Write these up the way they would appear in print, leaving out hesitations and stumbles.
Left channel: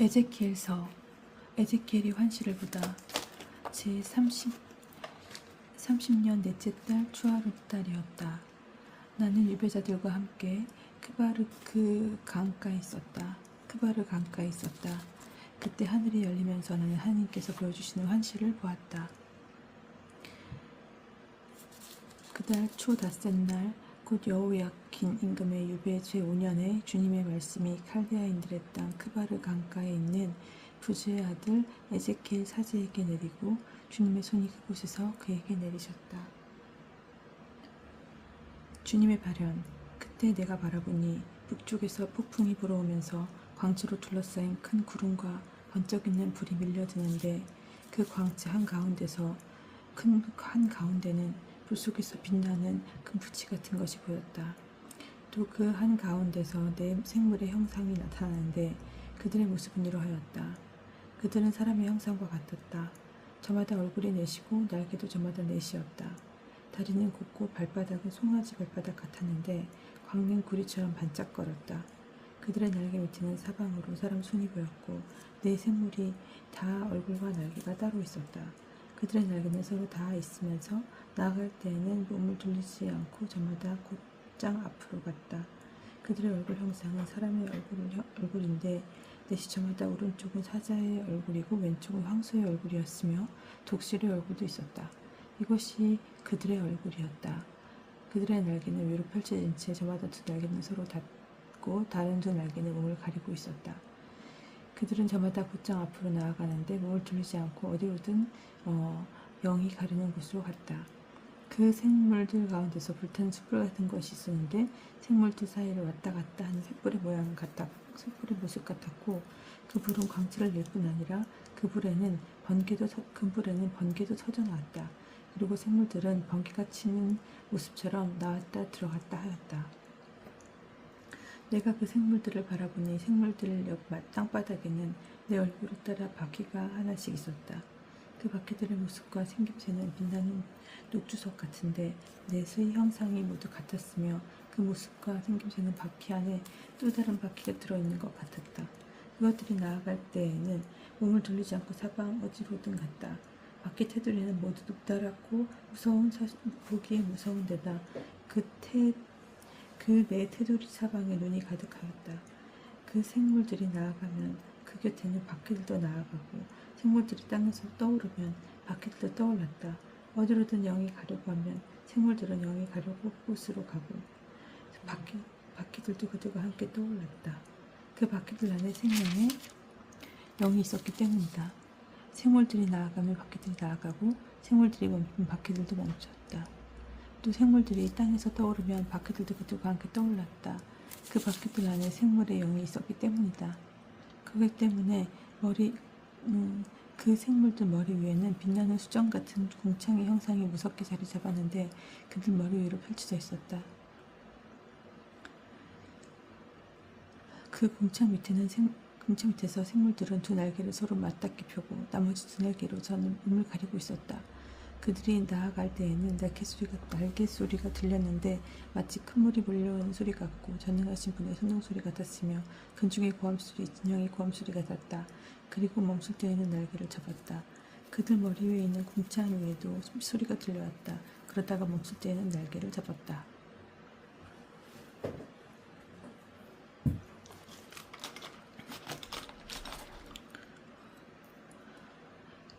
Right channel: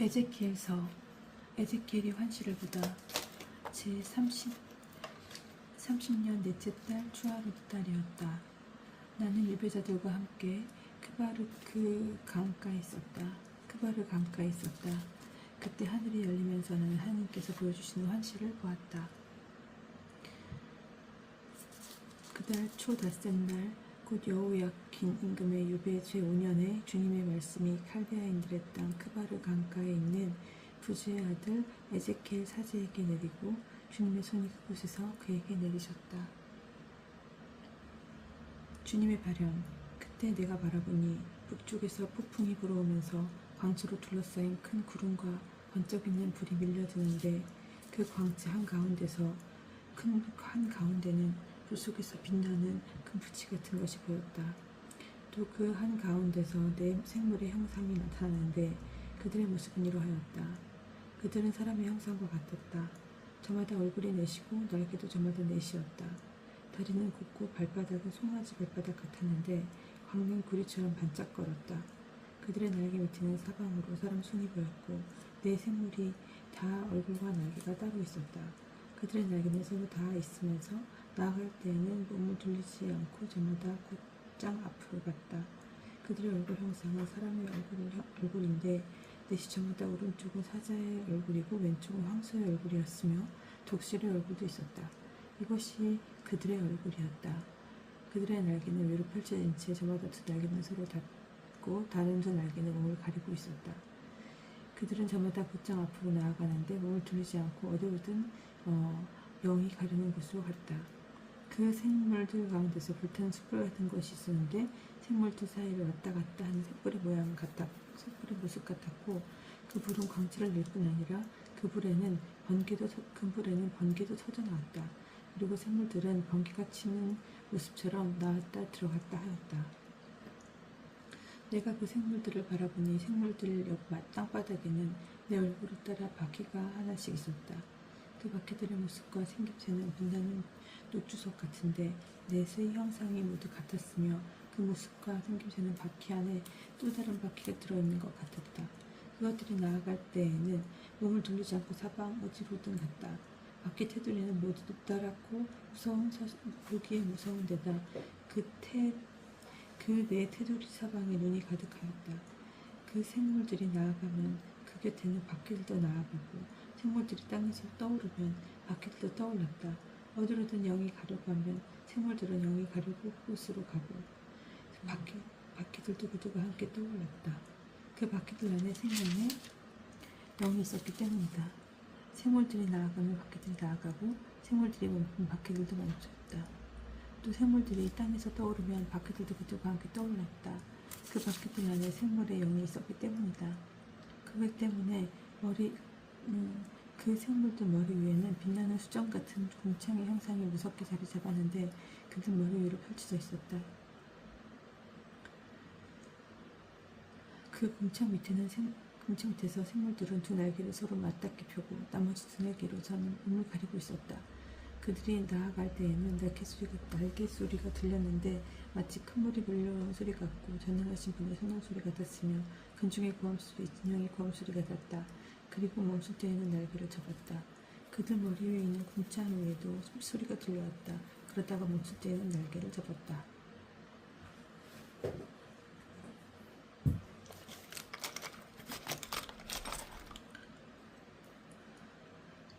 에제키엘서. 에제키엘이 환시를 보다. 제30년 넷째 달 추하룻 달이었다. 나는 유배자들과 함께 크바르 강가에 있었다. 그때 하늘이 열리면서 나는 하나님께서 보여주시는 환시를 보았다. 그달 초 닷새 날 곧 여호야킨 임금의 유배 제5년에 주님의 말씀이 칼데아인들의 땅 크바르 강가에 있는 부즈의 아들 에제키엘 사제에게 내리고 주님의 손이 그곳에서 그에게 내리셨다. 주님의 발현. 그때 내가 바라보니 북쪽에서 폭풍이 불어오면서 광채로 둘러싸인 큰 구름과 번쩍이는 불이 밀려드는데 그 광채 한가운데는 불 속에서 빛나는 큰 부치 같은 것이 보였다. 또 그 한가운데서 네 생물의 형상이 나타나는데 그들의 모습은 이러하였다. 그들은 사람의 형상과 같았다. 저마다 얼굴이 넷이고 날개도 저마다 넷이었다. 다리는 곱고 발바닥은 송아지 발바닥 같았는데 광는 구리처럼 반짝거렸다. 그들의 날개 밑에는 사방으로 사람 손이 보였고 네 생물이 다 얼굴과 날개가 따로 있었다. 그들의 날개는 서로 다 있으면서 나아갈 때에는 몸을 돌리지 않고 저마다 곧장 앞으로 갔다. 그들의 얼굴 형상은 사람의 얼굴인데 넷이 저마다 오른쪽은 사자의 얼굴이고 왼쪽은 황소의 얼굴이었으며 독수리의 얼굴도 있었다. 이것이 그들의 얼굴이었다. 그들의 날개는 위로 펼쳐진 채 저마다 두 날개는 서로 닿고 다른 두 날개는 몸을 가리고 있었다. 그들은 저마다 곧장 앞으로 나아가는데 몸을 돌리지 않고 어디로든 영이 가르는 곳으로 갔다. 그 생물들 가운데서 불타는 숯불 같은 것이 있었는데 생물들 사이를 왔다 갔다 하는 횃불의 모습 같았고 그 불은 광채를 낼 뿐 아니라 그 불에는 번개도 터져 나왔다. 그리고 생물들은 번개가 치는 모습처럼 나왔다 들어갔다 하였다. 내가 그 생물들을 바라보니 생물들 옆 땅바닥에는 내 얼굴을 따라 바퀴가 하나씩 있었다. 그 바퀴들의 모습과 생김새는 빛나는 녹주석 같은데 넷의 형상이 모두 같았으며 그 모습과 생김새는 바퀴 안에 또 다른 바퀴가 들어있는 것 같았다. 그것들이 나아갈 때에는 몸을 돌리지 않고 사방 어디로든 갔다. 바퀴 테두리는 모두 높다랗고 보기에 무서운 데다 그 네 테두리 사방에 눈이 가득하였다. 그 생물들이 나아가면 그 곁에는 바퀴들도 나아가고 생물들이 땅에서 떠오르면 바퀴들도 떠올랐다. 어디로든 영이 가려고 하면 생물들은 영이 가려고 그곳으로 가고 바퀴들도 그들과 함께 떠올랐다. 그 바퀴들 안에 생명의 영이 있었기 때문이다. 생물들이 나아가면 바퀴들이 나아가고 생물들이 멈추면 바퀴들도 멈췄다. 또 생물들이 땅에서 떠오르면 바퀴들도 그들과 함께 떠올랐다. 그 바퀴들 안에 생물의 영이 있었기 때문이다. 그것 때문에 그 생물들 머리 위에는 빛나는 수정 같은 궁창의 형상이 무섭게 자리 잡았는데 그들 머리 위로 펼쳐져 있었다. 그 궁창 밑에서 생물들은 두 날개를 서로 맞닿게 펴고 나머지 두 날개로 저는 몸을 가리고 있었다. 그들이 나아갈 때에는 날개 소리가 들렸는데 마치 큰 물이 몰려오는 소리 같고 전능하신 분의 소동 소리 같았으며 근중의 고함소리, 진영의 고함소리 같았다. 그리고 멈출 때에는 날개를 접었다. 그들 머리 위에 있는 궁창 위에도 소리가 들려왔다. 그러다가 멈출 때에는 날개를 접었다.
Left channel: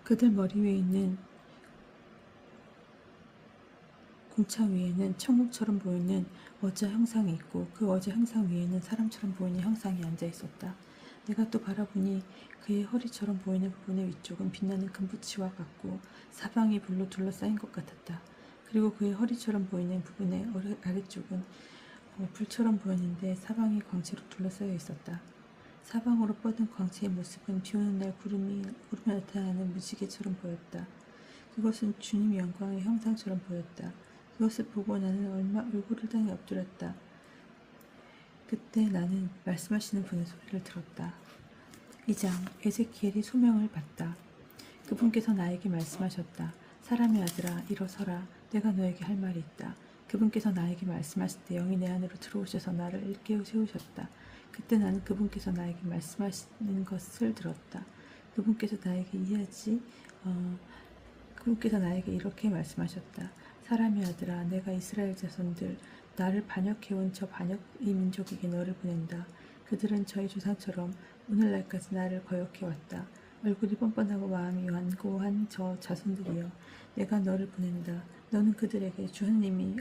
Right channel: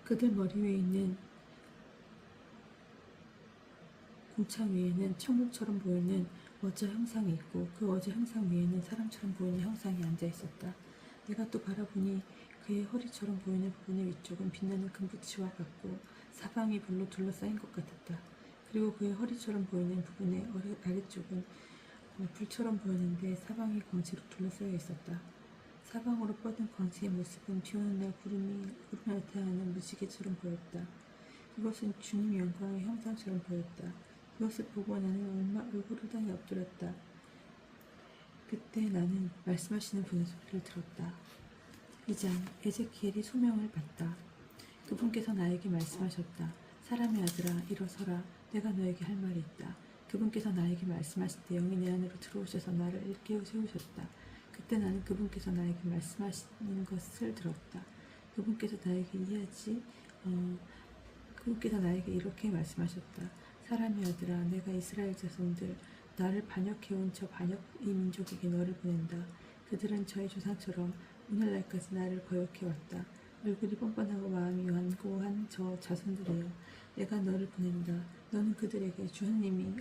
그들 머리 위에 있는 궁창 위에는 천국처럼 보이는 어자 형상이 있고 그 어자 형상 위에는 사람처럼 보이는 형상이 앉아 있었다. 내가 또 바라보니 그의 허리처럼 보이는 부분의 위쪽은 빛나는 금붙이와 같고 사방이 불로 둘러싸인 것 같았다. 그리고 그의 허리처럼 보이는 부분의 아래쪽은 불처럼 보였는데 사방이 광채로 둘러싸여 있었다. 사방으로 뻗은 광채의 모습은 비오는 날 구름이 나타나는 무지개처럼 보였다. 그것은 주님 영광의 형상처럼 보였다. 그것을 보고 나는 얼굴을 땅에 엎드렸다. 그때 나는 말씀하시는 분의 소리를 들었다. 2장. 에제키엘이 소명을 받다. 그분께서 나에게 말씀하셨다. 사람의 아들아, 일어서라. 내가 너에게 할 말이 있다. 그분께서 나에게 말씀하실 때 영이 내 안으로 들어오셔서 나를 일깨워 세우셨다. 그때 나는 그분께서 나에게 말씀하시는 것을 들었다. 그분께서 나에게 그분께서 나에게 이렇게 말씀하셨다. 사람의 아들아, 내가 이스라엘 자손들, 나를 반역해온 저 반역 이 민족에게 너를 보낸다. 그들은 저희 조상처럼 오늘날까지 나를 거역해왔다. 얼굴이 뻔뻔하고 마음이 완고한 저 자손들이여, 내가 너를 보낸다. 너는 그들에게 주하님이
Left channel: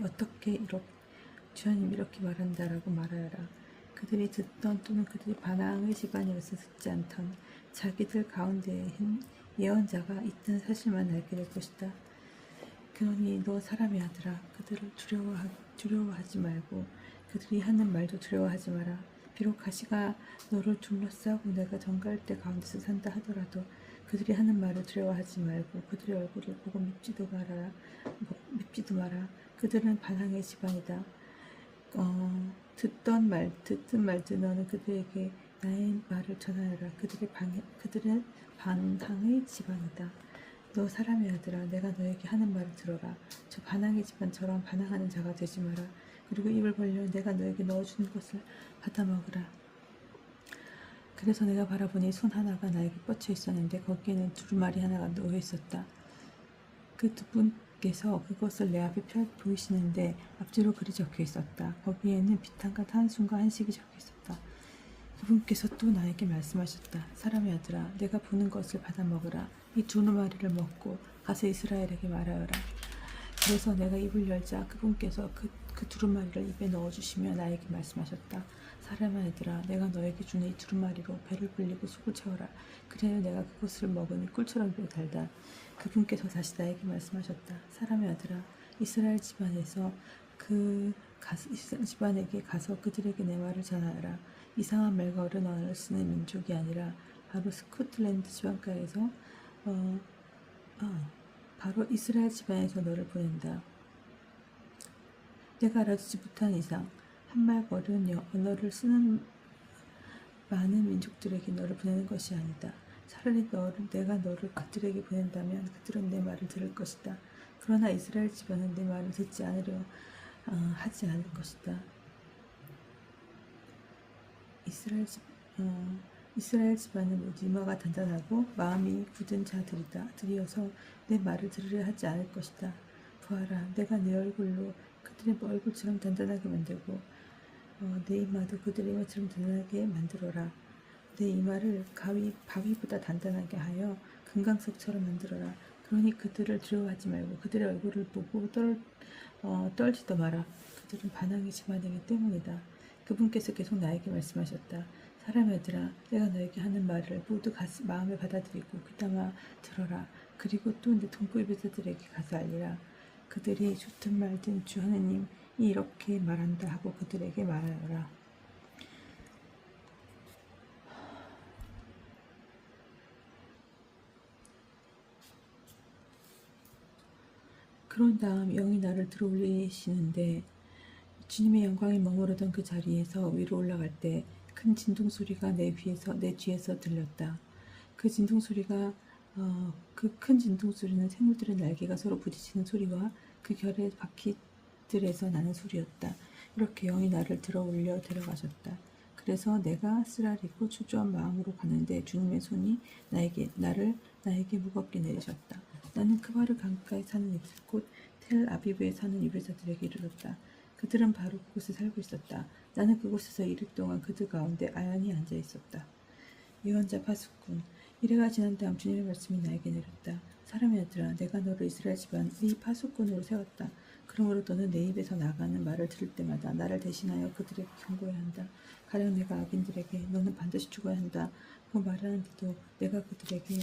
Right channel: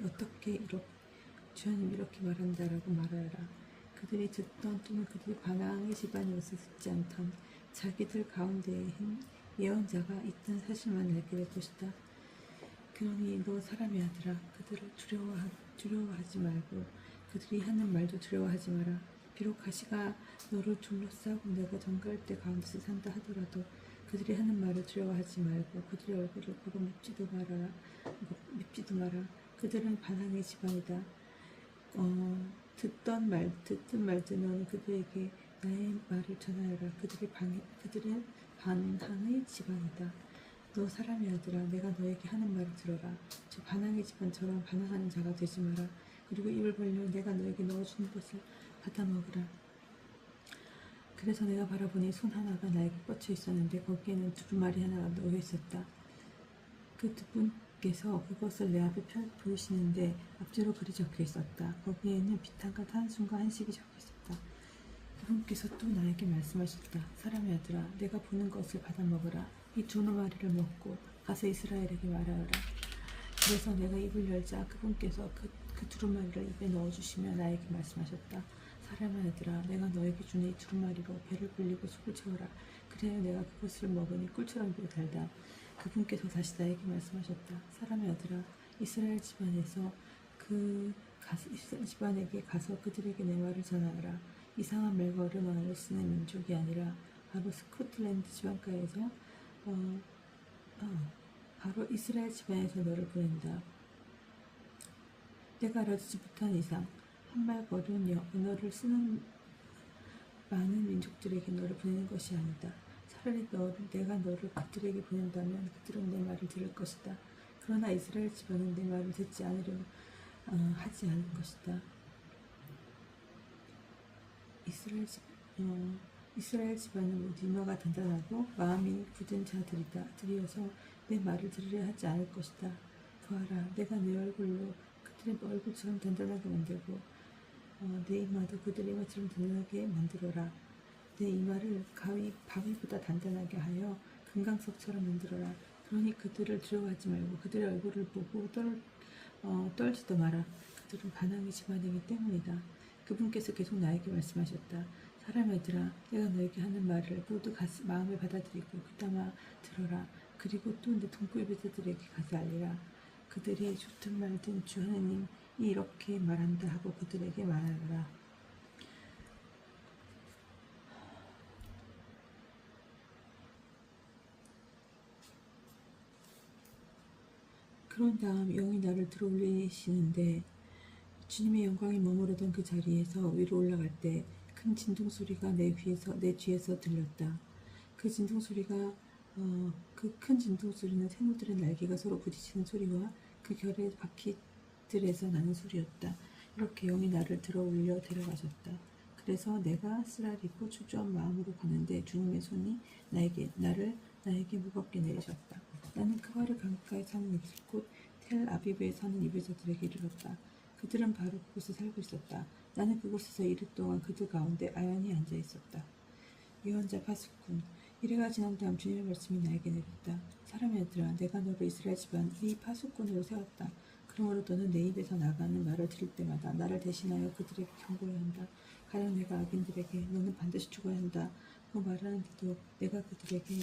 이렇게 말한다라고 말하여라. 그들이 듣던 또는 그들이 반항의 집안이어서 듣지 않던 자기들 가운데에 예언자가 있다는 사실만 알게 될 것이다. 그러니 너 사람의 아들아, 그들을 두려워하지 말고 그들이 하는 말도 두려워하지 마라. 비록 가시가 너를 둘러싸고 내가 정갈대 가운데서 산다 하더라도 그들이 하는 말을 두려워하지 말고 그들의 얼굴을 보고 밉지도 마라. 그들은 반항의 집안이다. 듣든 말든 너는 그들에게 나의 말을 전하여라. 그들은 반항의 집안이다. 너 사람의 아들아, 내가 너에게 하는 말을 들어라. 저 반항의 집안처럼 반항하는 자가 되지 마라. 그리고 입을 벌려 내가 너에게 넣어주는 것을 받아 먹으라. 그래서 내가 바라보니 손 하나가 나에게 뻗쳐 있었는데 거기에는 두루마리 하나가 놓여 있었다. 그 두 분께서 그것을 내 앞에 보이시는데 앞뒤로 글이 적혀 있었다. 거기에는 비탄과 탄순과 한식이 적혀 있었다. 그분께서 또 나에게 말씀하셨다. 사람의 아들아, 내가 보는 것을 받아 먹으라. 이 두루마리를 먹고 가서 이스라엘에게 말하여라. 그래서 내가 입을 열자 그분께서 그 두루마리를 입에 넣어주시며 나에게 말씀하셨다. 사람의 아들아, 내가 너에게 주는 이 두루마리로 배를 불리고 속을 채워라. 그래야 내가 그것을 먹으니 꿀처럼 달다. 그분께서 다시 나에게 말씀하셨다. 사람의 아들아, 이스라엘 집안에게 가서 그들에게 내 말을 전하여라. 이상한 말과 어려운 언어를 쓰는 민족이 아니라 바로 스코틀랜드 지방가에서 바로 이스라엘 집안에서 너를 보낸다. 내가 알아주지 못한 이상 한말과 어려운 언어를 쓰는 많은 민족들에게 너를 보내는 것이 아니다. 차라리 내가 너를 그들에게 보낸다면 그들은 내 말을 들을 것이다. 그러나 이스라엘 집안은 내 말을 듣지 않으려 하지 않을 것이다. 이스라엘 집안은 모두 이마가 단단하고 마음이 굳은 자들이어서 내 말을 들으려 하지 않을 것이다. 보아라, 내가 내 얼굴로 그들의 얼굴처럼 단단하게 만들고 내 이마도 그들의 이마처럼 단단하게 만들어라. 내 이마를 바위보다 단단하게 하여 금강석처럼 만들어라. 그러니 그들을 두려워하지 말고 그들의 얼굴을 보고 떨지도 마라. 그들은 반항의 집안이기 때문이다. 그분께서 계속 나에게 말씀하셨다. 사람의 아들아, 내가 너에게 하는 말을 모두 마음에 받아들이고 귀담아 들어라. 그리고 또 내 동포의 배자들에게 가서 알리라. 그들이 좋든 말든 주 하나님이 이렇게 말한다 하고 그들에게 말하여라. 그런 다음 영이 나를 들어올리시는데 주님의 영광이 머무르던 그 자리에서 위로 올라갈 때 큰 진동 소리가 내 뒤에서 들렸다. 그 진동 소리가 그 큰 진동 소리는 생물들의 날개가 서로 부딪히는 소리와 그 결의 바퀴들에서 나는 소리였다. 이렇게 영이 나를 들어올려 데려가셨다. 그래서 내가 쓰라리고 초조한 마음으로 가는데 주님의 손이 나에게 무겁게 내리셨다. 나는 크바르 강가에 사는 이들 곧 텔 아비브에 사는 이브자들에게 이르렀다. 그들은 바로 그곳에 살고 있었다. 나는 그곳에서 이틀 동안 그들 가운데 아연히 앉아 있었다. 예언자 파수꾼. 이래가 지난 다음 주님의 말씀이 나에게 내렸다. 사람의 아들아, 내가 너를 이스라엘 집안 의 파수꾼으로 세웠다. 그러므로 너는 내 입에서 나가는 말을 들을 때마다 나를 대신하여 그들에게 경고해야 한다. 가령 내가 악인들에게 너는 반드시 죽어야 한다 그 말하는데도 내가 그들에게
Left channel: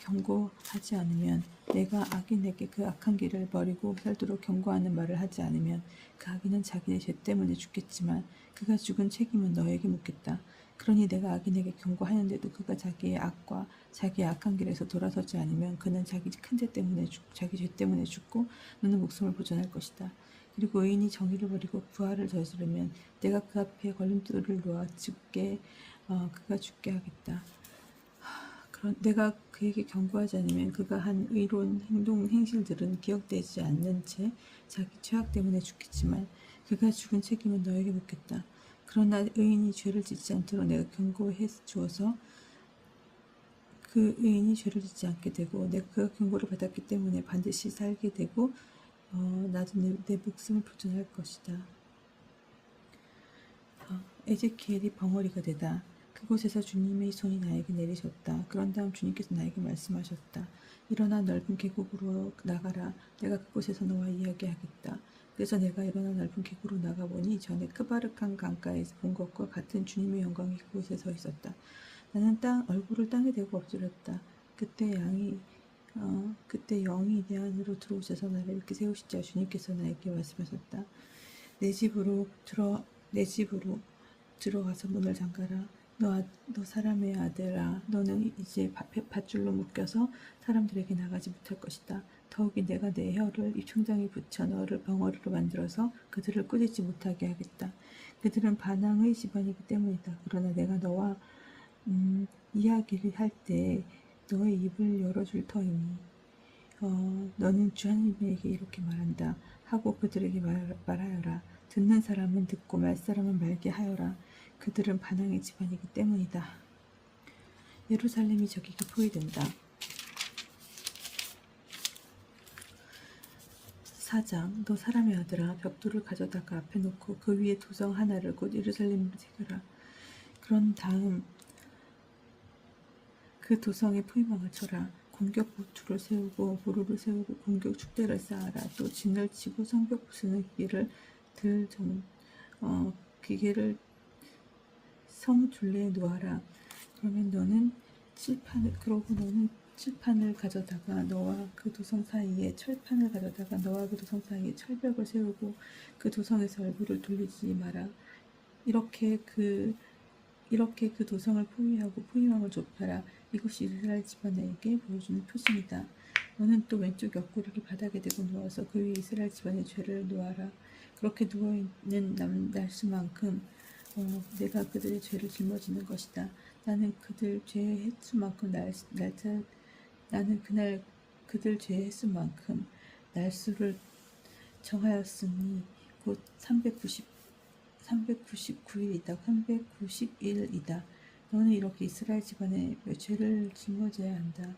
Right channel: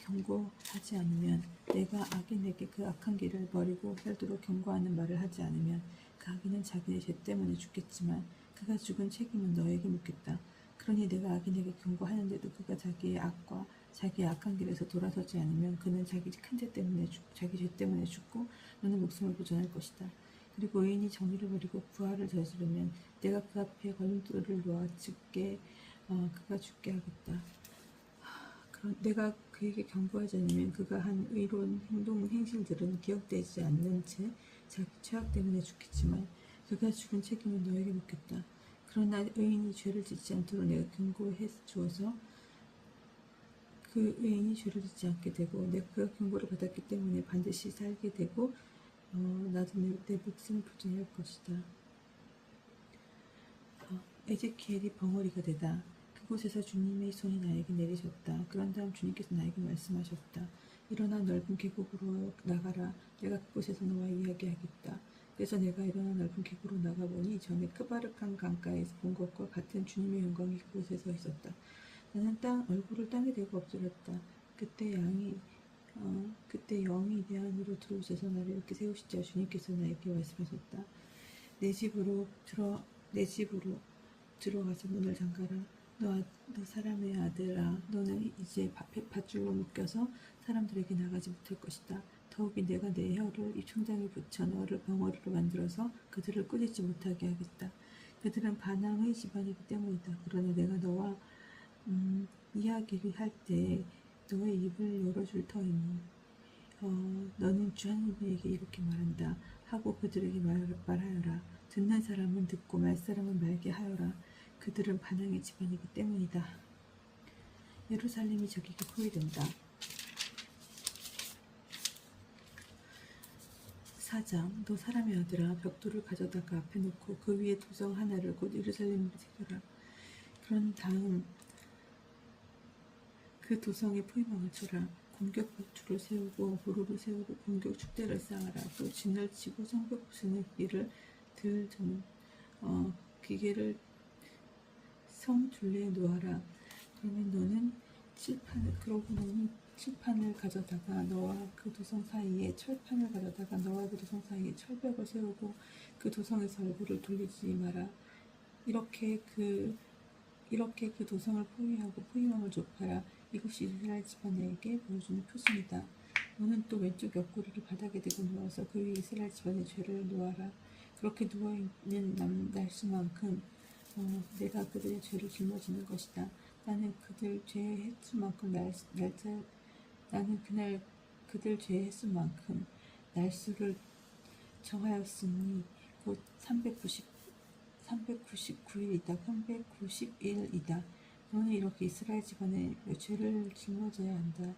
경고하지 않으면, 내가 악인에게 그 악한 길을 버리고 살도록 경고하는 말을 하지 않으면 그 악인은 자기의 죄 때문에 죽겠지만 그가 죽은 책임은 너에게 묻겠다. 그러니 내가 악인에게 경고하는데도 그가 자기의 악과 자기의 악한 길에서 돌아서지 않으면 그는 자기 죄 때문에 죽고 너는 목숨을 보존할 것이다. 그리고 의인이 정의를 버리고 부활을 저지르면 내가 그 앞에 걸림돌을 놓아 그가 죽게 하겠다. 내가 그에게 경고하지 않으면 그가 한 의로운 행실들은 기억되지 않는 채 자기 죄악 때문에 죽겠지만 그가 죽은 책임은 너에게 묻겠다. 그러나 의인이 죄를 짓지 않도록 내가 경고해 주어서 그 의인이 죄를 짓지 않게 되고 내가 그 경고를 받았기 때문에 반드시 살게 되고 나도 내 목숨을 보존할 것이다. 에제키엘이 벙어리가 되다. 그곳에서 주님의 손이 나에게 내리셨다. 그런 다음 주님께서 나에게 말씀하셨다. 일어나 넓은 계곡으로 나가라. 내가 그곳에서 너와 이야기하겠다. 그래서 내가 일어나 넓은 계곡으로 나가보니 전에 크바르칸 강가에서 본 것과 같은 주님의 영광이 그곳에 서 있었다. 나는 얼굴을 땅에 대고 엎드렸다. 그때 영이 내 안으로 들어오셔서 나를 이렇게 세우시자 주님께서 나에게 말씀하셨다. 내 집으로 들어가서 문을 잠가라. 너 사람의 아들아, 너는 이제 밧줄로 묶여서 사람들에게 나가지 못할 것이다. 더욱이 내가 내 혀를 입천장에 붙여 너를 벙어리로 만들어서 그들을 꾸짖지 못하게 하겠다. 그들은 반항의 집안이기 때문이다. 그러나 내가 너와 이야기를 할 때 너의 입을 열어줄 터이니 너는 주 하나님에게 이렇게 말한다 하고 그들에게 말하여라. 듣는 사람은 듣고 말 사람은 말게 하여라. 그들은 반항의 집안이기 때문이다. 예루살렘이 적에게 포위된다. 4장 너 사람의 아들아 벽돌을 가져다가 앞에 놓고 그 위에 도성 하나를 곧 예루살렘으로 새겨라. 그런 다음 그 도성에 포위망을 쳐라. 공격 보투를 세우고 보루를 세우고 공격 축대를 쌓아라. 또 진을 치고 성벽 부수는 기계를 성 둘레에 놓아라. 너는 칠판을 가져다가 너와 그 도성 사이에 철판을 가져다가 너와 그 도성 사이에 철벽을 세우고 그 도성에서 얼굴을 돌리지 마라. 이렇게 그 도성을 포위하고 포위망을 좁혀라. 이것이 이스라엘 집안에게 보여주는 표징이다. 너는 또 왼쪽 옆구리를 바닥에 대고 누워서 그 위에 이스라엘 집안의 죄를 놓아라. 그렇게 누워있는 날수만큼 내가 그들의 죄를 짊어지는 것이다. 나는 그들 죄의 횟수만큼 나는 그날 그들 죄의 횟수만큼 날수를 정하였으니 곧 399일이다. 390일이다. 너는 이렇게 이스라엘 집안의 죄를 짊어져야 한다.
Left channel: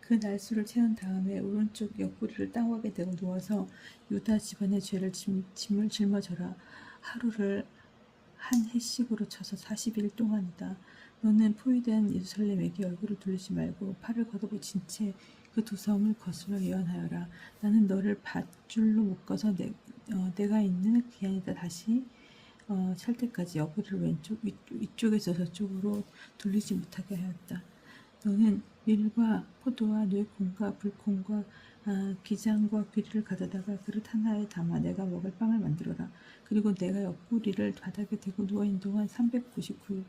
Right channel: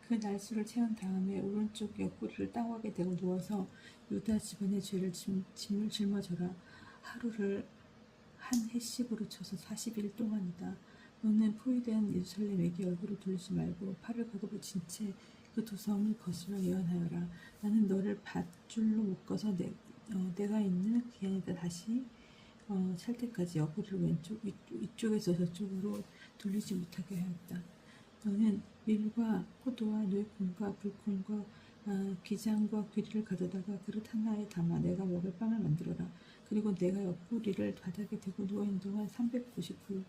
그 날수를 채운 다음에 오른쪽 옆구리를 땅옥에 대고 누워서 유다 집안의 죄를 짐을 짊어져라. 하루를 한 해씩으로 쳐서 40일 동안이다. 너는 포위된 예루살렘에게 얼굴을 돌리지 말고 팔을 걷어붙인 채 그 도성을 거슬러 예언하여라. 나는 너를 밧줄로 묶어서 내가 있는 그 안에다 다시 찰 때까지 옆구리를 위쪽에서 저쪽으로 돌리지 못하게 하였다. 너는 밀과 포도와 뇌콩과 불콩과 기장과 귀리를 가져다가 그릇 하나에 담아 내가 먹을 빵을 만들어라. 그리고 내가 옆구리를 바닥에 대고 누워있는 동안 390일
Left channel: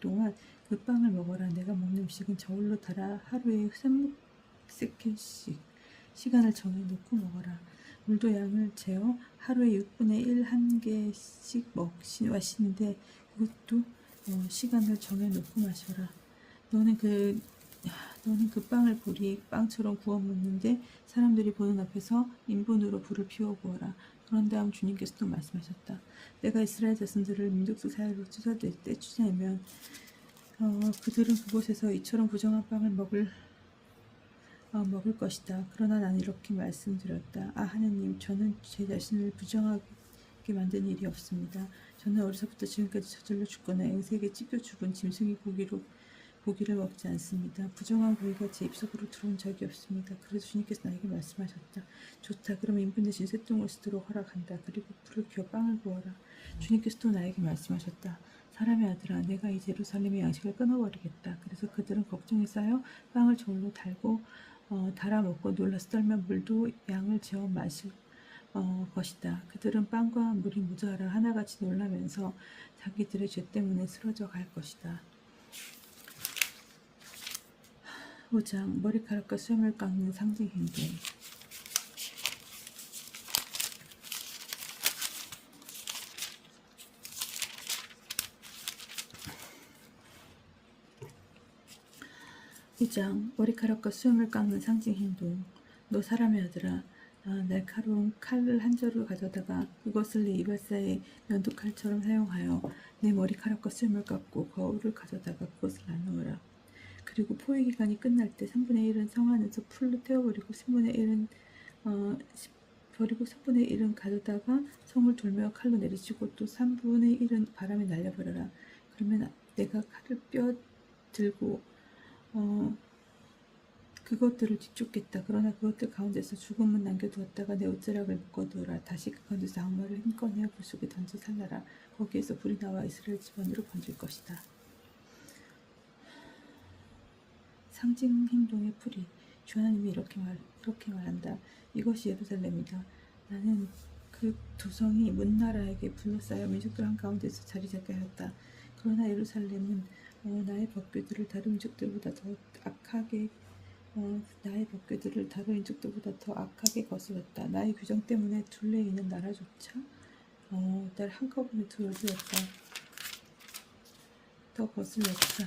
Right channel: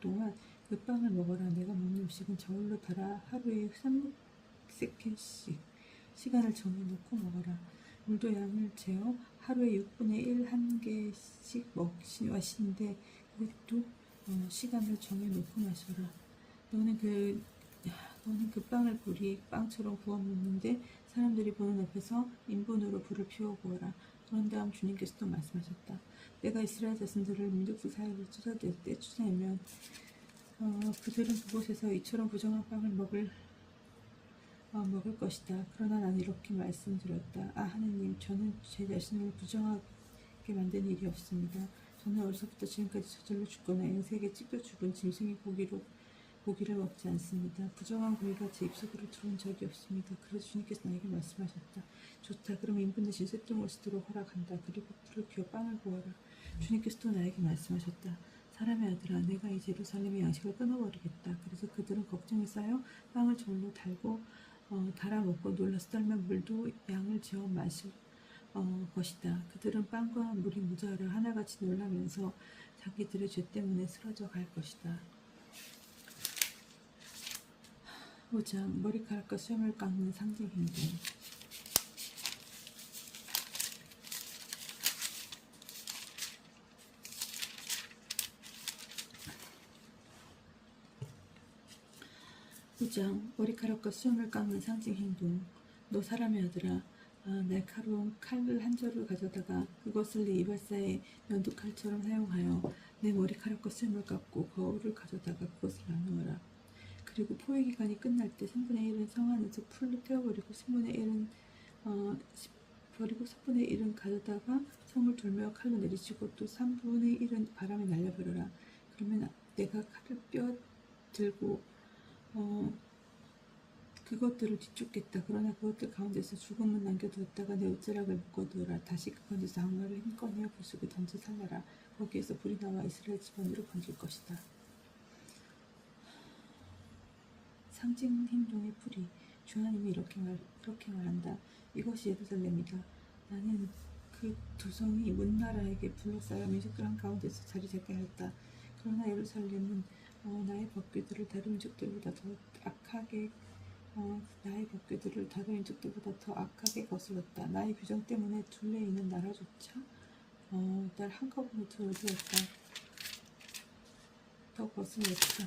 동안 그 빵을 먹어라. 내가 먹는 음식은 저울로 달아 하루에 3세켈씩 시간을 정해놓고 먹어라. 물도 양을 재어 하루에 6분의 1 한 개씩 마시는데 그것도 시간을 정해놓고 마셔라. 너는 그 빵을 빵처럼 구워 먹는데 사람들이 보는 앞에서 인분으로 불을 피워 구워라. 그런 다음 주님께서 또 말씀하셨다. 내가 이스라엘 자손들을 민족들 사이로 떼쫓아내면 그들은 그곳에서 이처럼 부정한 빵을 먹을 것이다. 그러나 나는 이렇게 말씀드렸다. 하느님, 저는 제 자신을 부정하게 만든 일이 없습니다. 저는 어려서부터 지금까지 저절로 죽거나 앵색에 찢겨 죽은 짐승의 고기를 먹지 않습니다. 부정한 고기가 제 입속으로 들어온 적이 없습니다. 그래서 주님께서 나에게 말씀하셨다. 좋다. 그럼 인분 대신 쇠똥을 쓰도록 허락한다. 그리고 불을 켜어 빵을 구워라. 주님께서 또 나에게 말씀하셨다. 사람의 아들아, 내가 이 예루살렘의 양식을 끊어버리겠다. 그래서 그들은 걱정에 쌓여 빵을 저울로 달아 먹고 놀라서 떨면 물도 양을 재어 마실 것이다. 그들은 빵과 물이 모자라 하나같이 놀라면서 자기들의 죄 때문에 쓰러져 갈 것이다. 5장 머리카락과 수염을 깎는 상징 행동. 머리카락과 수염을 깎는 상징 행동. 너 사람의 아들아, 날카로운 칼을 한 자루 가져다가 그것을 네 이발사의 면도칼처럼 사용하여 내 머리카락과 쓸물 깎고 거울을 가져다가 그것을 나누어라. 그리고 포획 기간이 끝날 때 3분의 1은 성 안에서 풀로 태워버리고 3분의 1은 버리고 3분의 1은 가져다가 성을 돌며 칼로 내리치고 또 3분의 1은 바람에 날려버려라. 그러면 내가 칼을 들고 그것들을 뒤쫓겠다. 그러나 그것들 가운데서 죽음은 남겨두었다가 내 옷자락을 묶어두어라. 다시 그 가운데서 악마를 힘껏 내어 불 속에 던져 살라라. 거기에서 불이 나와 이스라엘 집안으로 번질 것이다. 상징 행동의 풀이 주 하나님이 이렇게 말한다. 이것이 예루살렘이다. 나는 그 두성이 문나라에게 둘러싸여 민족들 한가운데서 자리 잡게 하였다. 그러나 예루살렘은 나의 법궤들을 다른 민족들보다 더 악하게 거슬렀다. 나의 규정 때문에 둘레에 있는 나라조차 날 한꺼번에 들어주었다. 더 거슬렸다.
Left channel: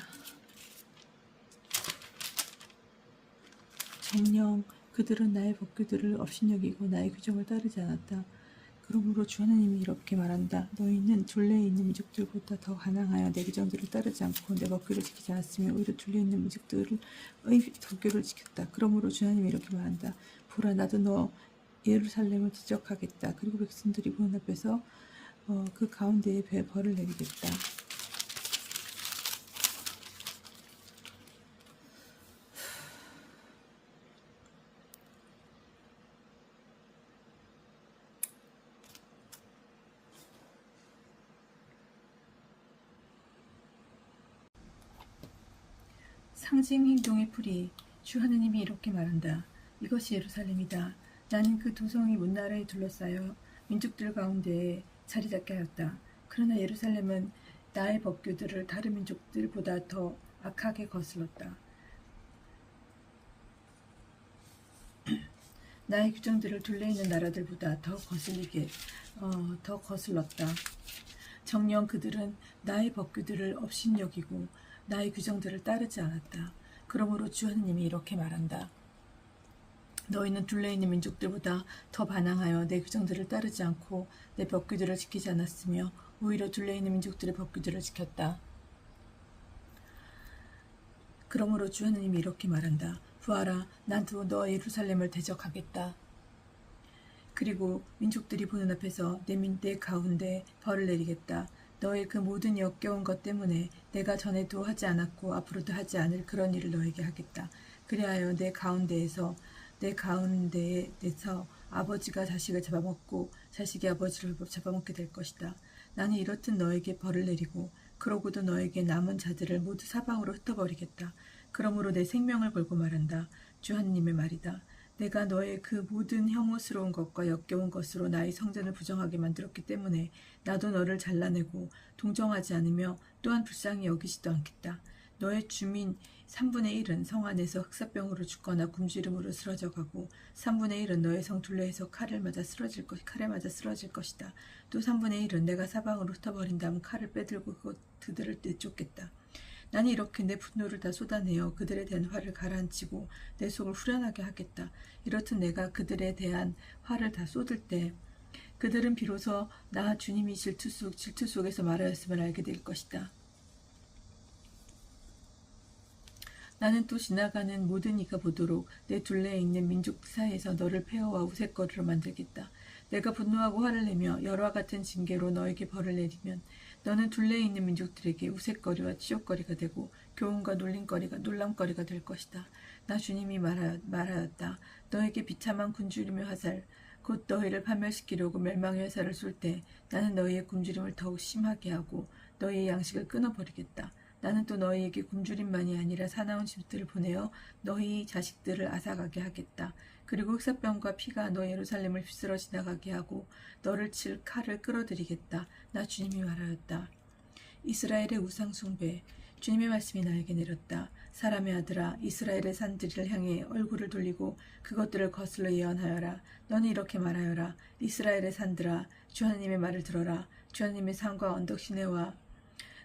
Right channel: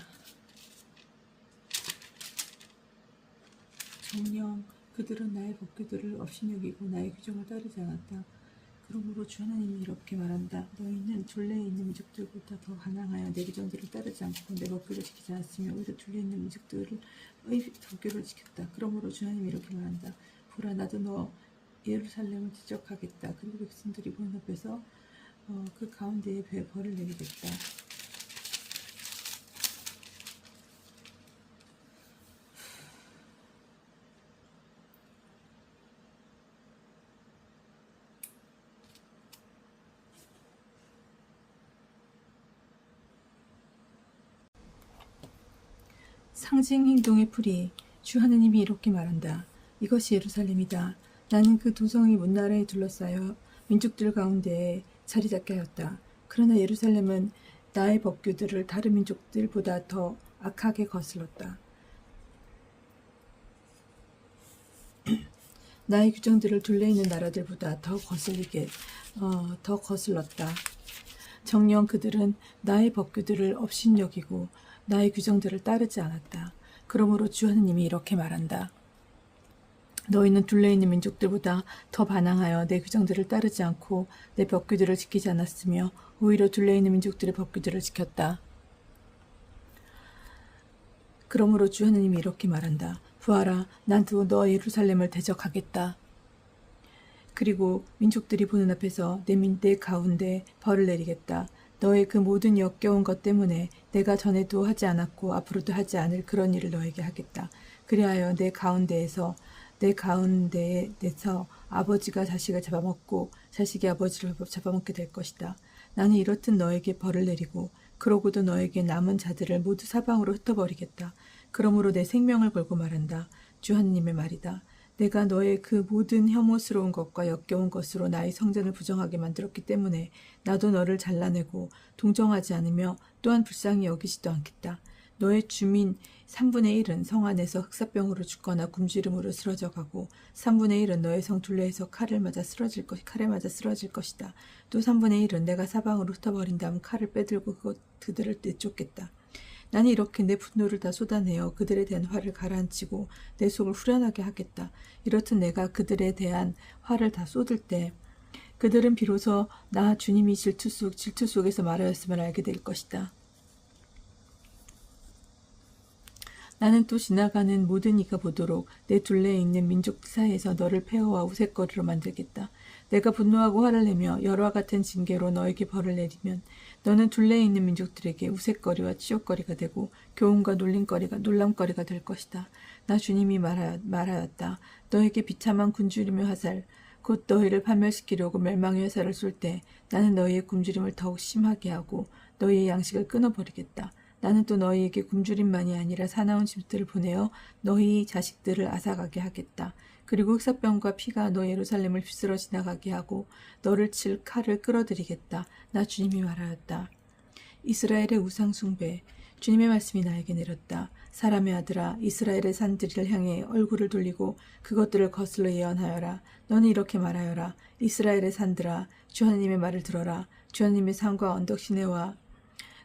정녕 그들은 나의 법규들을 업신여기고 나의 규정을 따르지 않았다. 그러므로 주 하나님이 이렇게 말한다. 너희는 둘레에 있는 민족들보다 더 가난하여 내 규정들을 따르지 않고 내 법규를 지키지 않았으며 오히려 둘레에 있는 민족들의 법규를 지켰다. 그러므로 주 하나님이 이렇게 말한다. 보라, 나도 너 예루살렘을 지적하겠다. 그리고 백성들이 보는 앞에서 그 가운데에 벌을 내리겠다. 상징 행동의 풀이 주 하느님이 이렇게 말한다. 이것이 예루살렘이다. 나는 그 두성이 문나라에 둘러싸여 민족들 가운데에 자리 잡게 하였다. 그러나 예루살렘은 나의 법규들을 다른 민족들보다 더 악하게 거슬렀다. 나의 규정들을 둘레 있는 나라들보다 더 거슬렀다. 정녕 그들은 나의 법규들을 업신여기고 나의 규정들을 따르지 않았다. 그러므로 주 하느님이 이렇게 말한다. 너희는 둘레 있는 민족들보다 더 반항하여 내 규정들을 따르지 않고 내 법규들을 지키지 않았으며 오히려 둘레 있는 민족들의 법규들을 지켰다. 그러므로 주 하느님이 이렇게 말한다. 보아라, 나도 너 예루살렘을 대적하겠다. 그리고 민족들이 보는 앞에서 내 가운데 벌을 내리겠다. 너의 그 모든 역겨운 것 때문에 내가 전에도 하지 않았고 앞으로도 하지 않을 그런 일을 너에게 하겠다. 그리하여 내 가운데에서 아버지가 자식을 잡아먹고 자식이 아버지를 잡아먹게 될 것이다. 나는 이렇듯 너에게 벌을 내리고 그러고도 너에게 남은 자들을 모두 사방으로 흩어버리겠다. 그러므로 내 생명을 걸고 말한다. 주 하느님의 말이다. 내가 너의 그 모든 혐오스러운 것과 역겨운 것으로 나의 성전을 부정하게 만들었기 때문에 나도 너를 잘라내고 동정하지 않으며 또한 불쌍히 여기지도 않겠다. 너의 주민 3분의 1은 성 안에서 흑사병으로 죽거나 굶주림으로 쓰러져 가고 3분의 1은 너의 성 둘레에서 칼에 맞아 쓰러질 것이다. 또 3분의 1은 내가 사방으로 흩어버린 다음 칼을 빼들고 그들을 내쫓겠다. 나는 이렇게 내 분노를 다 쏟아내어 그들에 대한 화를 가라앉히고 내 속을 후련하게 하겠다. 이렇듯 내가 그들에 대한 화를 다 쏟을 때 그들은 비로소 나 주님이 질투 속에서 말하였음을 알게 될 것이다. 나는 또 지나가는 모든 이가 보도록 내 둘레에 있는 민족 사이에서 너를 폐허와 우윳거리로 만들겠다. 내가 분노하고 화를 내며 열화 같은 징계로 너에게 벌을 내리면 너는 둘레에 있는 민족들에게 우윳거리와 치욕거리가 되고 교훈과 놀람거리가 될 것이다. 나 주님이 말하였다. 너에게 비참한 굶주림의 화살 곧 너희를 파멸시키려고 멸망의 화살을 쏠 때 나는 너희의 굶주림을 더욱 심하게 하고 너희의 양식을 끊어버리겠다. 나는 또 너희에게 굶주림만이 아니라 사나운 짐승들을 보내어 너희 자식들을 앗아가게 하겠다. 그리고 흑사병과 피가 너 예루살렘을 휩쓸어 지나가게 하고 너를 칠 칼을 끌어들이겠다. 나 주님이 말하였다. 이스라엘의 우상 숭배 주님의 말씀이 나에게 내렸다. 사람의 아들아, 이스라엘의 산들을 향해 얼굴을 돌리고 그것들을 거슬러 예언하여라. 너는 이렇게 말하여라. 이스라엘의 산들아, 주 하나님의 말을 들어라. 주 하나님의 산과 언덕 시내와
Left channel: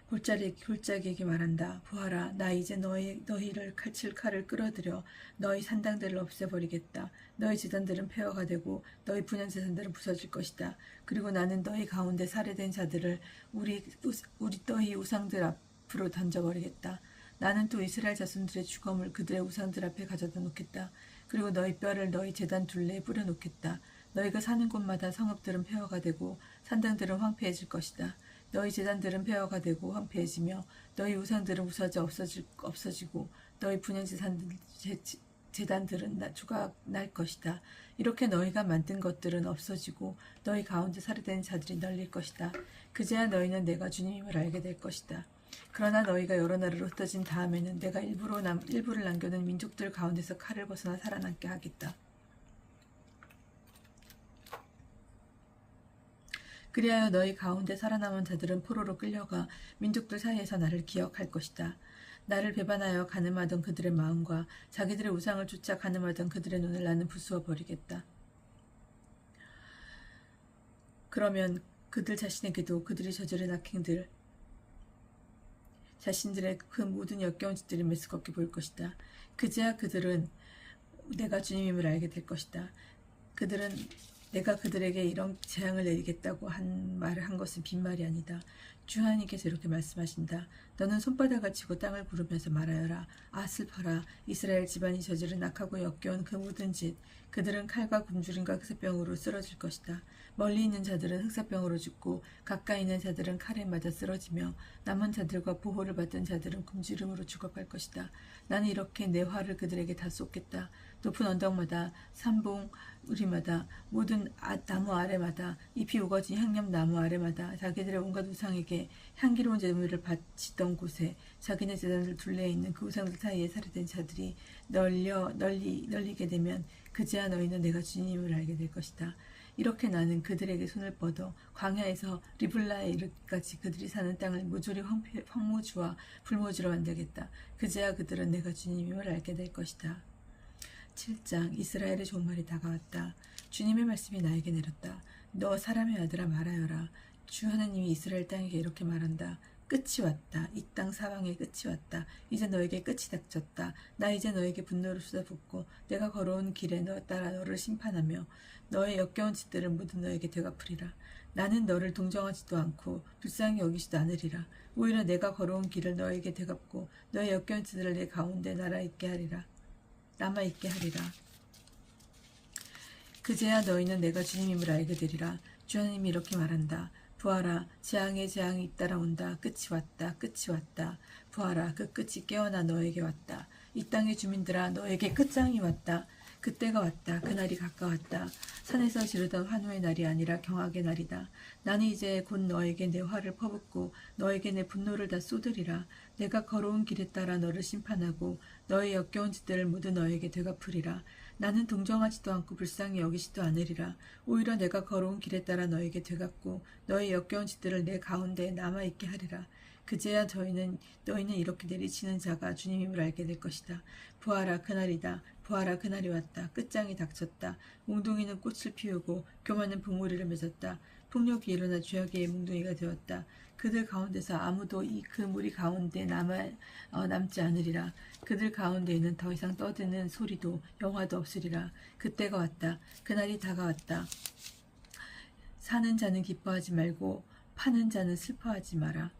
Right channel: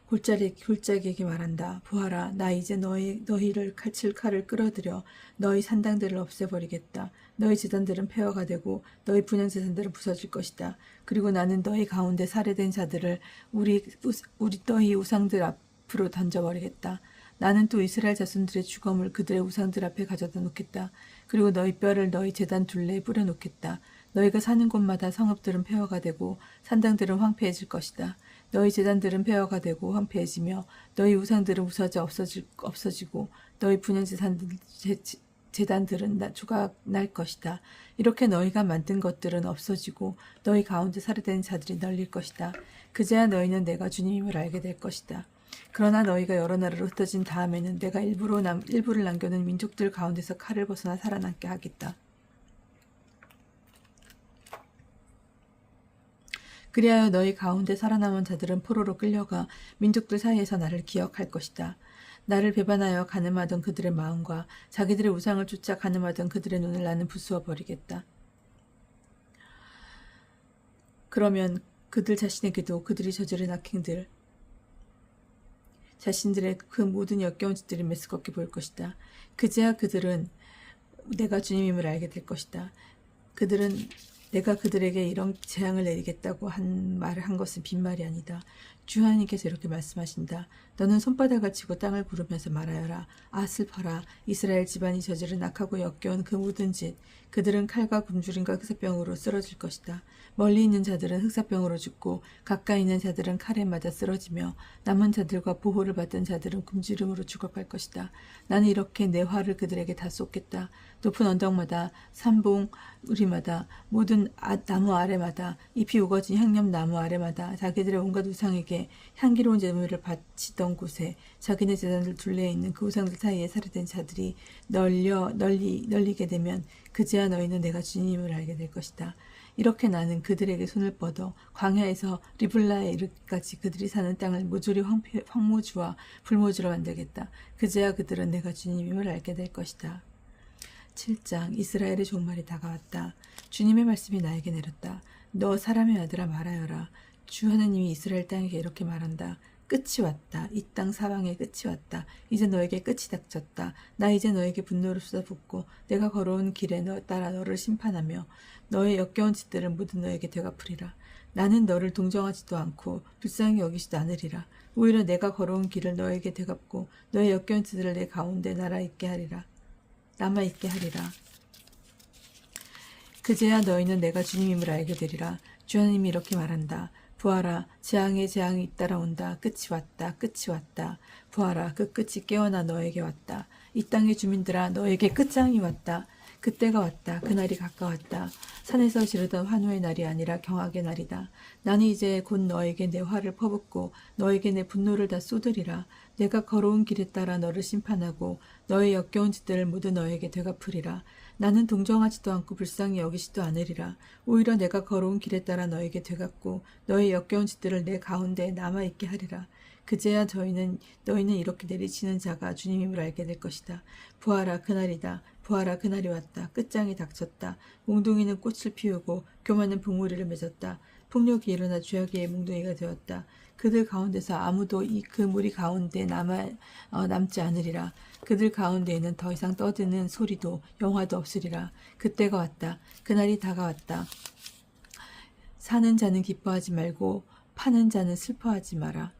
골짜기에게 말한다. 보아라, 나 이제 너희를 칼칠 칼을 끌어들여 너희 산당들을 없애버리겠다. 너희 제단들은 폐허가 되고 너희 분향 제단들은 부서질 것이다. 그리고 나는 너희 가운데 살해된 자들을 너희 우상들 앞으로 던져버리겠다. 나는 또 이스라엘 자손들의 주검을 그들의 우상들 앞에 가져다 놓겠다. 그리고 너희 뼈를 너희 제단 둘레에 뿌려놓겠다. 너희가 사는 곳마다 성읍들은 폐허가 되고 산당들은 황폐해질 것이다. 너희 제단들은 폐허가 되고 황폐해지며 너희 우상들은 부서져 없어지고 너희 분향 제단들은 조각 날 것이다. 이렇게 너희가 만든 것들은 없어지고 너희 가운데 살해된 자들이 널릴 것이다. 그제야 너희는 내가 주님임을 알게 될 것이다. 그러나 너희가 여러 나라로 흩어진 다음에는 내가 일부를 남겨둔 민족들 가운데서 칼을 벗어나 살아남게 하겠다. 그리하여 너희 가운데 살아남은 자들은 포로로 끌려가 민족들 사이에서 나를 기억할 것이다. 나를 배반하여 가늠하던 그들의 마음과 자기들의 우상을 쫓아 가늠하던 그들의 눈을 나는 부수어 버리겠다. 그러면 그들 자신에게도 그들이 저지른 악행들, 자신들의 그 모든 역겨운 짓들이 메스껍게 보일 것이다. 그제야 그들은 내가 주님임을 알게 될 것이다. 그들은 내가 그들에게 이런 재앙을 내리겠다고 말을 한 것은 빈말이 아니다. 주 하나님께서 이렇게 말씀하신다. 너는 손바닥을 치고 땅을 구르면서 말하여라. 아 슬퍼라. 이스라엘 집안이 저지른 악하고 역겨운 그 모든 짓. 그들은 칼과 굶주림과 흑사병으로 쓰러질 것이다. 멀리 있는 자들은 흑사병으로 죽고 가까이 있는 자들은 칼에 맞아 쓰러지며 남은 자들과 보호를 받던 자들은 굶주림으로 죽어갈 것이다. 나는 이렇게 내 화를 그들에게 다 쏟겠다. 높은 언덕마다 산봉우리마다 모든 나무 아래마다 잎이 우거진 향념나무 아래마다 자기들의 온갖 우상에게 향기로운 제물을 바치던 곳에 자기네 제단들 둘레에 있는 그 우상들 사이에 살해된 자들이 널리게 되면 그제야 너희는 내가 주님임을 알게 될 것이다. 이렇게 나는 그들에게 손을 뻗어 광야에서 리블라에 이르기까지 그들이 사는 땅을 모조리 황무지와 불모지로 만들겠다. 그제야 그들은 내가 주님임을 알게 될 것이다. 7장 이스라엘의 종말이 다가왔다. 주님의 말씀이 나에게 내렸다. 너 사람의 아들아 말하여라. 주 하나님이 이스라엘 땅에게 이렇게 말한다. 끝이 왔다. 이 땅 사방의 끝이 왔다. 이제 너에게 끝이 닥쳤다. 나 이제 너에게 분노를 쏟아붓고 내가 걸어온 길에 따라 너를 심판하며 너의 역겨운 짓들을 모두 너에게 되갚으리라. 나는 너를 동정하지도 않고 불쌍히 여기지도 않으리라. 오히려 내가 걸어온 길을 너에게 되갚고 너의 역겨운 짓들을 내 가운데 남아있게 하리라. 그제야 너희는 내가 주님임을 알게 되리라. 주 하나님이 이렇게 말한다. 부하라, 재앙에 재앙이 잇따라온다. 끝이 왔다. 끝이 왔다. 부하라, 그 끝이 깨어나 너에게 왔다. 이 땅의 주민들아, 너에게 끝장이 왔다. 그때가 왔다. 그날이 가까웠다. 산에서 지르던 환호의 날이 아니라 경악의 날이다. 나는 이제 곧 너에게 내 화를 퍼붓고 너에게 내 분노를 다 쏟으리라. 내가 걸어온 길에 따라 너를 심판하고 너의 역겨운 짓들을 모두 너에게 되갚으리라. 나는 동정하지도 않고 불쌍히 여기지도 않으리라. 오히려 내가 걸어온 길에 따라 너에게 되갚고 너의 역겨운 짓들을 내 가운데 남아있게 하리라. 그제야 너희는 이렇게 내리치는 자가 주님임을 알게 될 것이다. 부하라, 그날이다. 부하라, 그날이 왔다. 끝장이 닥쳤다. 몽둥이는 꽃을 피우고 교만은 봉우리를 맺었다. 폭력이 일어나 죄악의 몽둥이가 되었다. 그들 가운데서 아무도 그 무리 가운데 남지 않으리라. 그들 가운데에는 더 이상 떠드는 소리도 영화도 없으리라. 그때가 왔다. 그날이 다가왔다. 사는 자는 기뻐하지 말고 파는 자는 슬퍼하지 마라.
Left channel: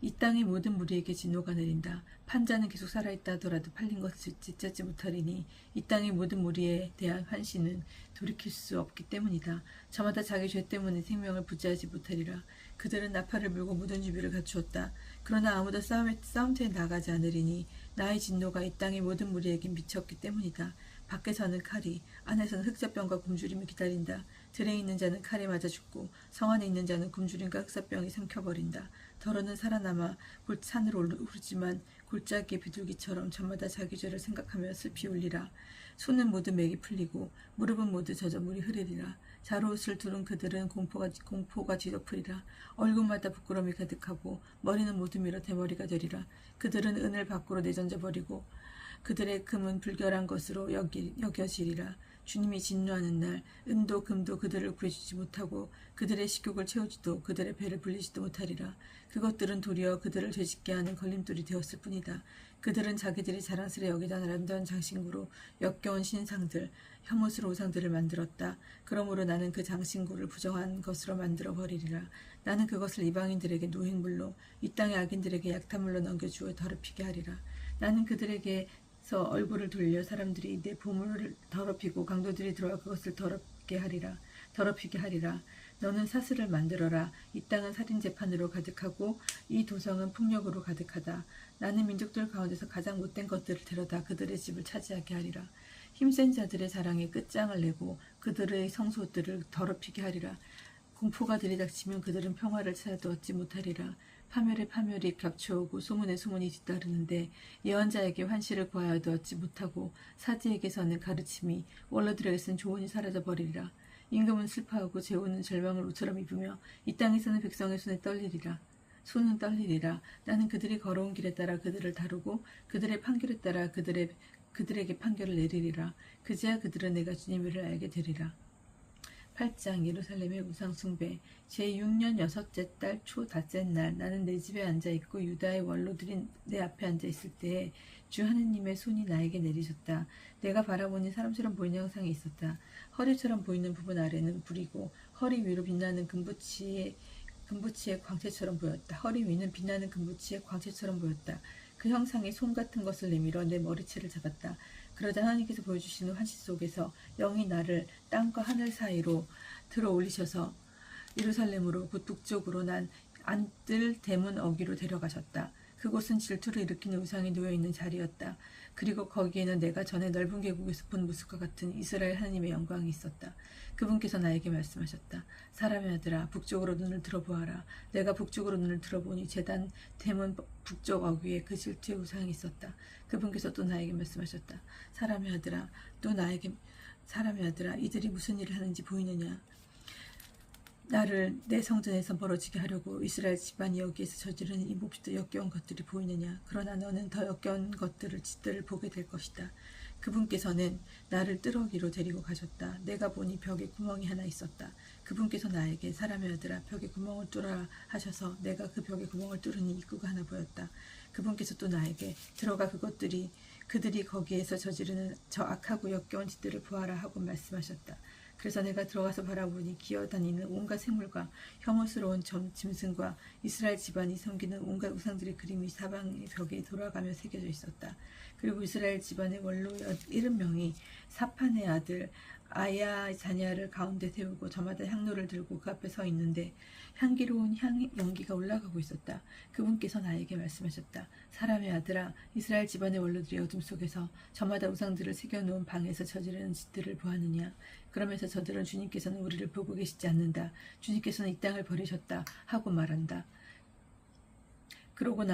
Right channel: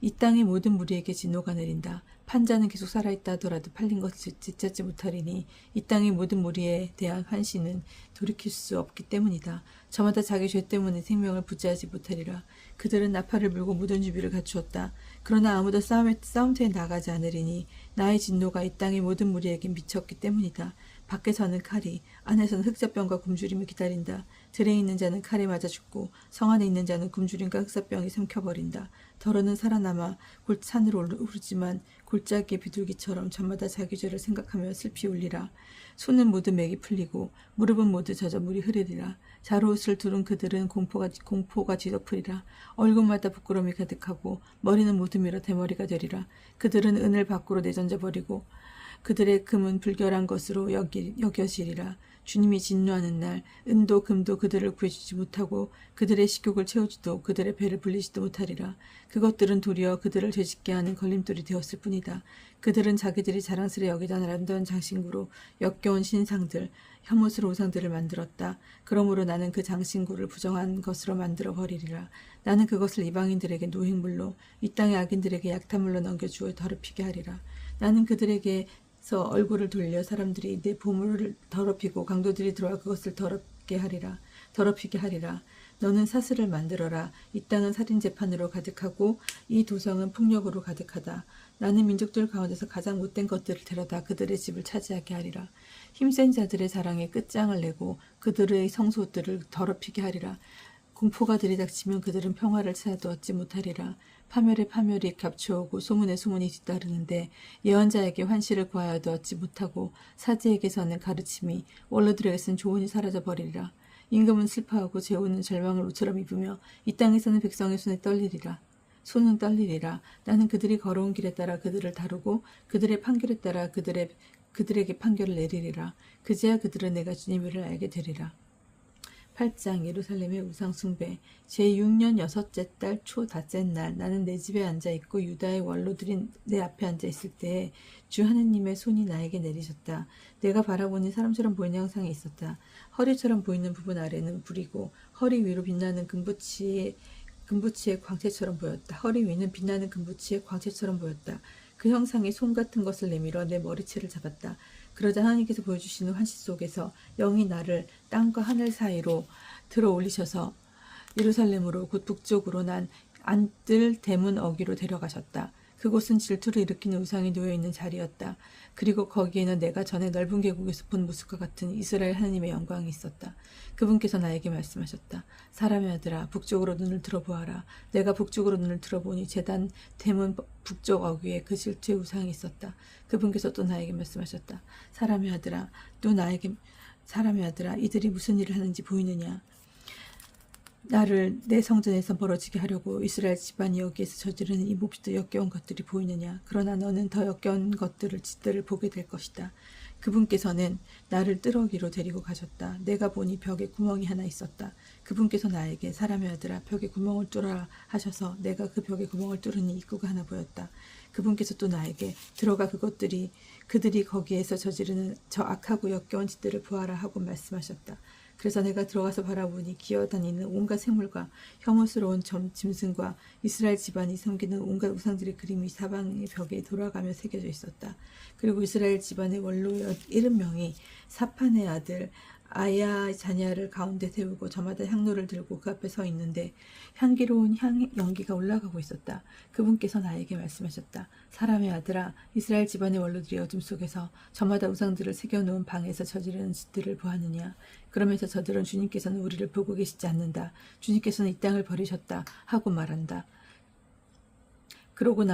이 땅의 모든 무리에게 진노가 내린다. 판자는 계속 살아있다 하더라도 팔린 것을 되찾지 못하리니 이 땅의 모든 무리에 대한 환시는 돌이킬 수 없기 때문이다. 저마다 자기 죄 때문에 생명을 부지하지 못하리라. 그들은 나팔을 불고 모든 준비를 갖추었다. 그러나 아무도 싸움터에 나가지 않으리니 나의 진노가 이 땅의 모든 무리에게 미쳤기 때문이다. 밖에서는 칼이, 안에서는 흑사병과 굶주림을 기다린다. 들에 있는 자는 칼에 맞아 죽고 성 안에 있는 자는 굶주림과 흑사병이 삼켜버린다. 더러는 살아남아 산으로 오르지만 골짜기의 비둘기처럼 저마다 자기 죄를 생각하며 슬피 울리라. 손은 모두 맥이 풀리고 무릎은 모두 젖어 물이 흐르리라. 자루옷을 두른 그들은 공포가 뒤덮으리라. 얼굴마다 부끄러움이 가득하고 머리는 모두 밀어 대머리가 되리라. 그들은 은을 밖으로 내던져 버리고 그들의 금은 불결한 것으로 여겨지리라. 주님이 진노하는 날 은도 금도 그들을 구해주지 못하고 그들의 식욕을 채우지도 그들의 배를 불리지도 못하리라. 그것들은 도리어 그들을 죄짓게 하는 걸림돌이 되었을 뿐이다. 그들은 자기들이 자랑스레 여기다 아름다운 장신구로 역겨운 신상들 혐오스러운 우상들을 만들었다. 그러므로 나는 그 장신구를 부정한 것으로 만들어 버리리라. 나는 그것을 이방인들에게 노획물로 이 땅의 악인들에게 약탈물로 넘겨주어 더럽히게 하리라. 나는 그들에게서 얼굴을 돌려 사람들이 내 보물을 더럽히고 강도들이 들어와 그것을 더럽히게 하리라. 너는 사슬을 만들어라. 이 땅은 살인 재판으로 가득하고 이 도성은 폭력으로 가득하다. 나는 민족들 가운데서 가장 못된 것들을 데려다 그들의 집을 차지하게 하리라. 힘센 자들의 자랑에 끝장을 내고 그들의 성소들을 더럽히게 하리라. 공포가 들이닥치면 그들은 평화를 찾아도 얻지 못하리라. 파멸에 파멸이 겹쳐오고 소문에 소문이 뒤따르는데 예언자에게 환시를 구하여도 얻지 못하고 사제에게서는 가르침이 원로들에게서는 조언이 사라져버리리라. 임금은 슬퍼하고 제후는 절망을 옷처럼 입으며 이 땅에서는 백성의 손은 떨리리라. 나는 그들이 걸어온 길에 따라 그들을 다루고 그들의 판결에 따라 그들에게 판결을 내리리라. 그제야 그들은 내가 주님을 알게 되리라. 8장 예루살렘의 우상숭배. 제6년 여섯째 달 초 닷째 날 나는 내 집에 앉아있고 유다의 원로들이 내 앞에 앉아있을 때에 주 하느님의 손이 나에게 내리셨다. 내가 바라보니 사람처럼 보이는 형상이 있었다. 허리처럼 보이는 부분 아래는 불이고 허리 위로 빛나는 금붙이의 광채처럼 보였다. 허리 위는 빛나는 금붙이의 광채처럼 보였다. 그 형상이 손 같은 것을 내밀어 내 머리채를 잡았다. 그러자 하나님께서 보여주시는 환시 속에서 영이 나를 땅과 하늘 사이로 들어 올리셔서 예루살렘으로 곧 북쪽으로 난 안뜰 대문 어귀로 데려가셨다. 그곳은 질투를 일으키는 우상이 놓여있는 자리였다. 그리고 거기에는 내가 전에 넓은 계곡에서 본 모습과 같은 이스라엘 하나님의 영광이 있었다. 그분께서 나에게 말씀하셨다. 사람의 아들아, 북쪽으로 눈을 들어보아라. 내가 북쪽으로 눈을 들어보니 제단 대문 북쪽 어귀에 그 질투의 우상이 있었다. 그분께서 또 나에게 말씀하셨다. 사람의 아들아, 이들이 무슨 일을 하는지 보이느냐? 나를 내 성전에서 멀어지게 하려고 이스라엘 집안이 여기에서 저지르는 이 몹시도 역겨운 것들이 보이느냐? 그러나 너는 더 역겨운 짓들을 보게 될 것이다. 그분께서는 나를 뜰어기로 데리고 가셨다. 내가 보니 벽에 구멍이 하나 있었다. 그분께서 나에게 사람의 아들아 벽에 구멍을 뚫어라 하셔서 내가 그 벽에 구멍을 뚫으니 입구가 하나 보였다. 그분께서 또 나에게 들어가 그들이 거기에서 저지르는 저 악하고 역겨운 짓들을 보아라 하고 말씀하셨다. 그래서 내가 들어가서 바라보니 기어다니는 온갖 생물과 혐오스러운 짐승과 이스라엘 집안이 섬기는 온갖 우상들의 그림이 사방의 벽에 돌아가며 새겨져 있었다. 그리고 이스라엘 집안의 원로 70명이 사판의 아들 아야 자냐를 가운데 세우고 저마다 향로를 들고 그 앞에 서 있는데 향기로운 연기가 올라가고 있었다. 그분께서 나에게 말씀하셨다. 사람의 아들아, 이스라엘 집안의 원로들이 어둠 속에서 저마다 우상들을 새겨놓은 방에서 저지르는 짓들을 보았느냐? 그러면서 저들은 주님께서는 우리를 보고 계시지 않는다. 주님께서는 이 땅을 버리셨다 하고 말한다. 그러고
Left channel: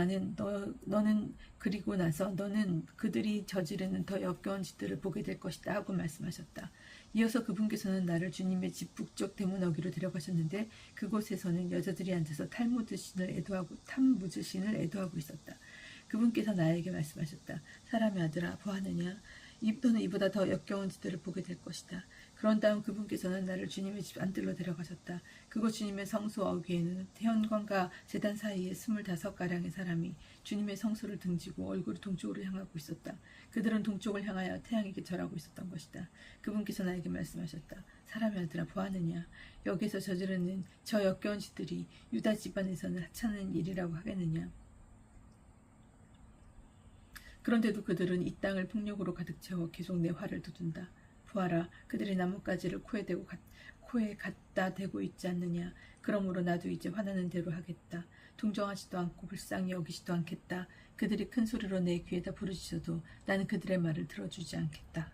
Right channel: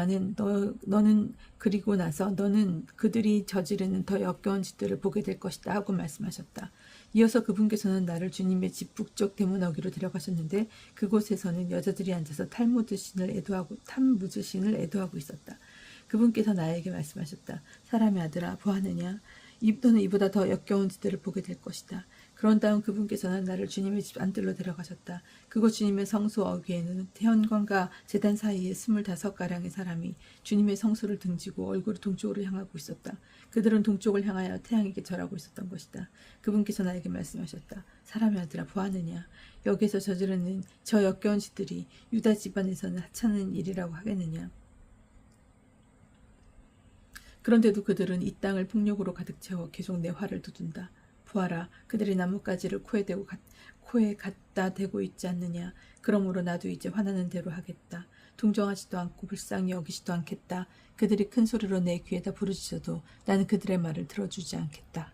그리고 나서 너는 그들이 저지르는 더 역겨운 짓들을 보게 될 것이다 하고 말씀하셨다. 이어서 그분께서는 나를 주님의 집 북쪽 대문 어귀로 데려가셨는데 그곳에서는 여자들이 앉아서 탐무드 신을 애도하고 있었다. 그분께서 나에게 말씀하셨다. 사람의 아들아, 보았느냐? 너는 이보다 더 역겨운 짓들을 보게 될 것이다. 그런 다음 그분께서는 나를 주님의 집 안뜰로 데려가셨다. 그곳 주님의 성소 어귀에는 태연관과 제단 사이에 25가량의 사람이 주님의 성소를 등지고 얼굴을 동쪽으로 향하고 있었다. 그들은 동쪽을 향하여 태양에게 절하고 있었던 것이다. 그분께서 나에게 말씀하셨다. 사람의 아들아, 보았느냐? 여기에서 저지르는 저 역겨운 짓들이 유다 집안에서는 하찮은 일이라고 하겠느냐? 그런데도 그들은 이 땅을 폭력으로 가득 채워 계속 내 화를 돋운다. 보아라, 그들이 나뭇가지를 코에 갖다 대고 있지 않느냐? 그러므로 나도 이제 화나는 대로 하겠다. 동정하지도 않고 불쌍히 여기지도 않겠다. 그들이 큰 소리로 내 귀에다 부르짖어도 나는 그들의 말을 들어주지 않겠다.